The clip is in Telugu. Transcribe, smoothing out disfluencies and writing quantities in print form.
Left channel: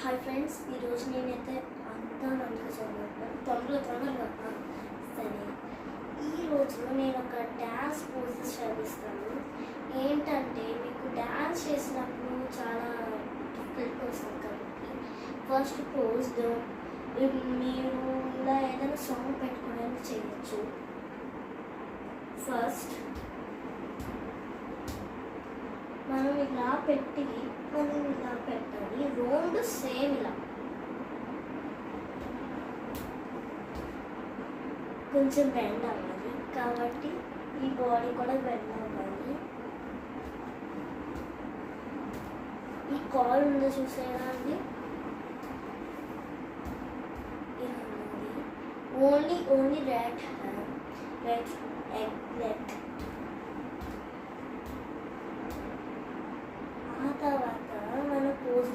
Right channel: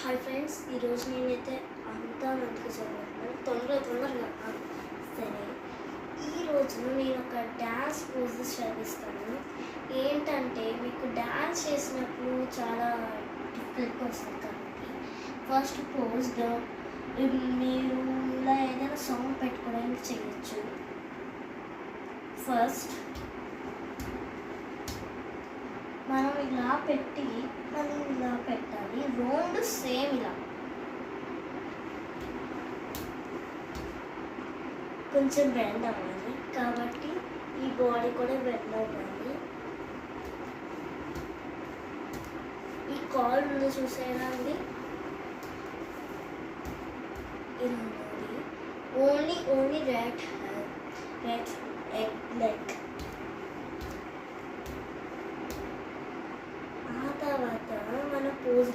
హాయ్ ఫ్రెండ్స్, ఈరోజు నేనైతే అంతా మంచిగా చదువుతున్నాను. తొందరగా సరే. ఈరోజు నేను ఒక డ్యాన్స్ పోజెస్ చదివిస్తాను. ఏంటంటే మీకు డ్యాన్స్ చేసినప్పుడు చాలా డిఫికల్ట్గా వస్తుంది కాబట్టి ఫస్ట్ పోజ్ మీరు ఇలా ఏదైనా సాంగ్ పెట్టుకోవడానికి చేయొచ్చు. ఫస్ట్ మనం ఇలా పెట్టి మనం ఇలా పెట్టాలి. రెండు సేమ్ ఇలా కొంచెం బెండ్ అవ్వాలి కాబట్టి ఈ బాడీ కూడా బెండ్ అవ్వాలి. ఈ కాల్ ఉందో చూసేలా అండి, ఇలా ఉంది. Only right leg